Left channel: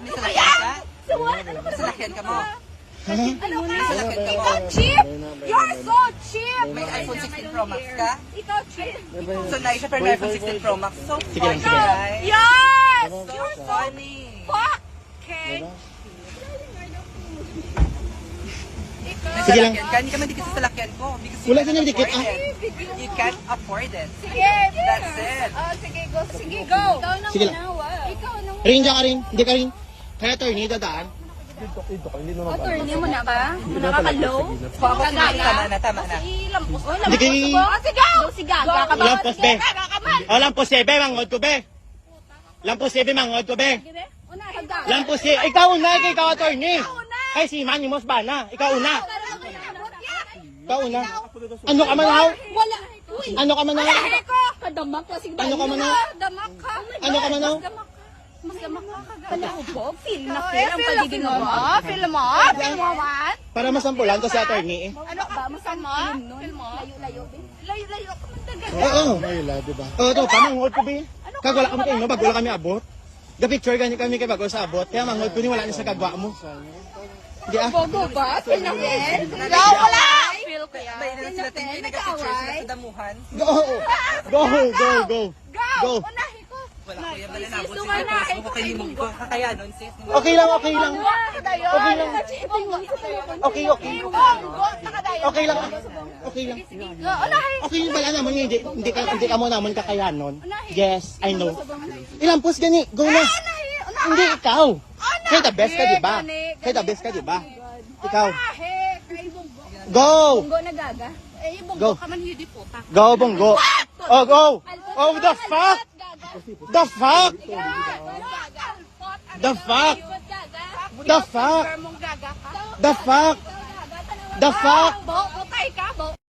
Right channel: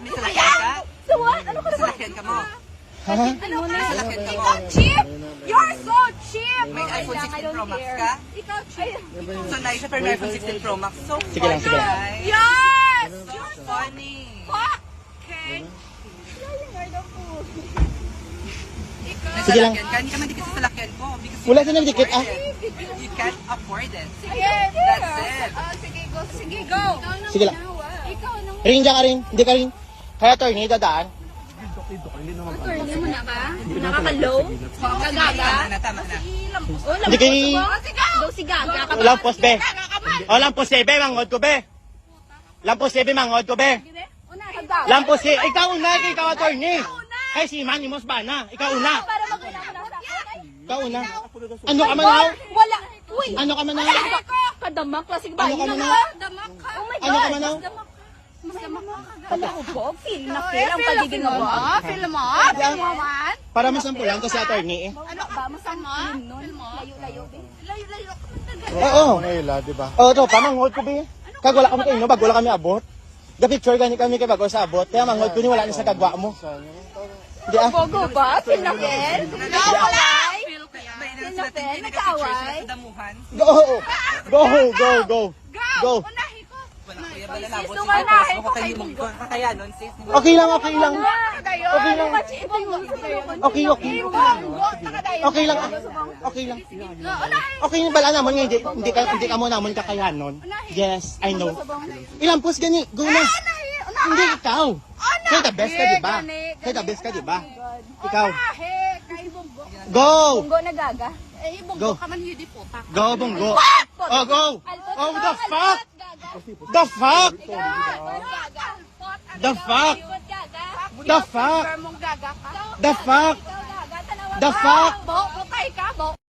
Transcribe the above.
May salakyan ka? So what? Ano ka May salakyan ka mo? Ha? Ano ka? May salakyan ka mo? Ikaw cheap! You're so cheap! May iPhone 16 Pro Max ka? Ikaw cheap! So, Naisha, pero may iPhone 16 Pro Max. So Sige lang, funny, sige lang. right? Yes! So You're so funny. fucking... May Sige lang. salakyan ka? Hindi ka mandikit sa salakyan ko. Because you Wala can't ka nagdikit, afford it. You can't afford it. Sige! That's it. Sige, go. Sige, go! Sige lang. Ikaw nang... Ring dyan ka rin. Hindi ka rin. Hato, hindi dadaan. Attorney mo na ba? Nakakalo? Tama na, tama na. Hindi kayo. Sige! Lampos, be. O, lampos, be. Mangod ko, be. Lampos, be. Mangod ko, be. Lampos, ikaw una. Ikaw, attorney. Ay, si Manny Mos ba na? Ikaw una. Ikaw una. Ano ka manaw? Wala! Uy! Ano ka manaw? Kadamak klaseng Ano ka manaw? Damak ka! Ano ka manaw? Mas damak ka kagad. Ako po, feel na feel ang pagiging mo. Feel mo? Feel mo man? Para masampulan to si attorney. Ano ba? Masama? Feel mo? Layo-layo din. Layo-layo ka man talaga. Oo. Naila, di ba? Oo, to. Pamangod ko, be. Kag wala kami kayo, no? Bago wala kami abot. The picture gani kami kay bago sa abot. Kaya mangod ko ni wala ni sa kagwa mo. Di ah. Bogo ba? Feel na feel? Wala! Feel ko yan. May ilan sila tingin, nag-picture sila sa damuhan. Go! Go! Go! Go! Go! Unahin ko! Wala, kaya ba nalabot Sis, siya? unahin Tapos ko mo kay kahimog ko. Kakayanon, sis. Di ba? Okay lang, okay lang. Dayon! Okay lang. Ibong! Okay, okay. Okay lang. Okay lang. Unahin! Okay yung bala naman yun. Hindi ka mo naman kakayanon. Yes, I know. Ilang post gani? Go na. Hindi, ikaw. Kaya the best ka, di ba? Kaya the best ka, di ba? Ikaw. Unahin! Kay Bonggo. Go! Bonggo nagaga. Eh, Bonggo Go. ka man hindi po. Tak. Go, Bonggo. Oh, go. Oh, the fuck? The fuck? The fuck? The fuck? Mong gaga ka. The fuck? The fuck? Bo, bukay ka, bo.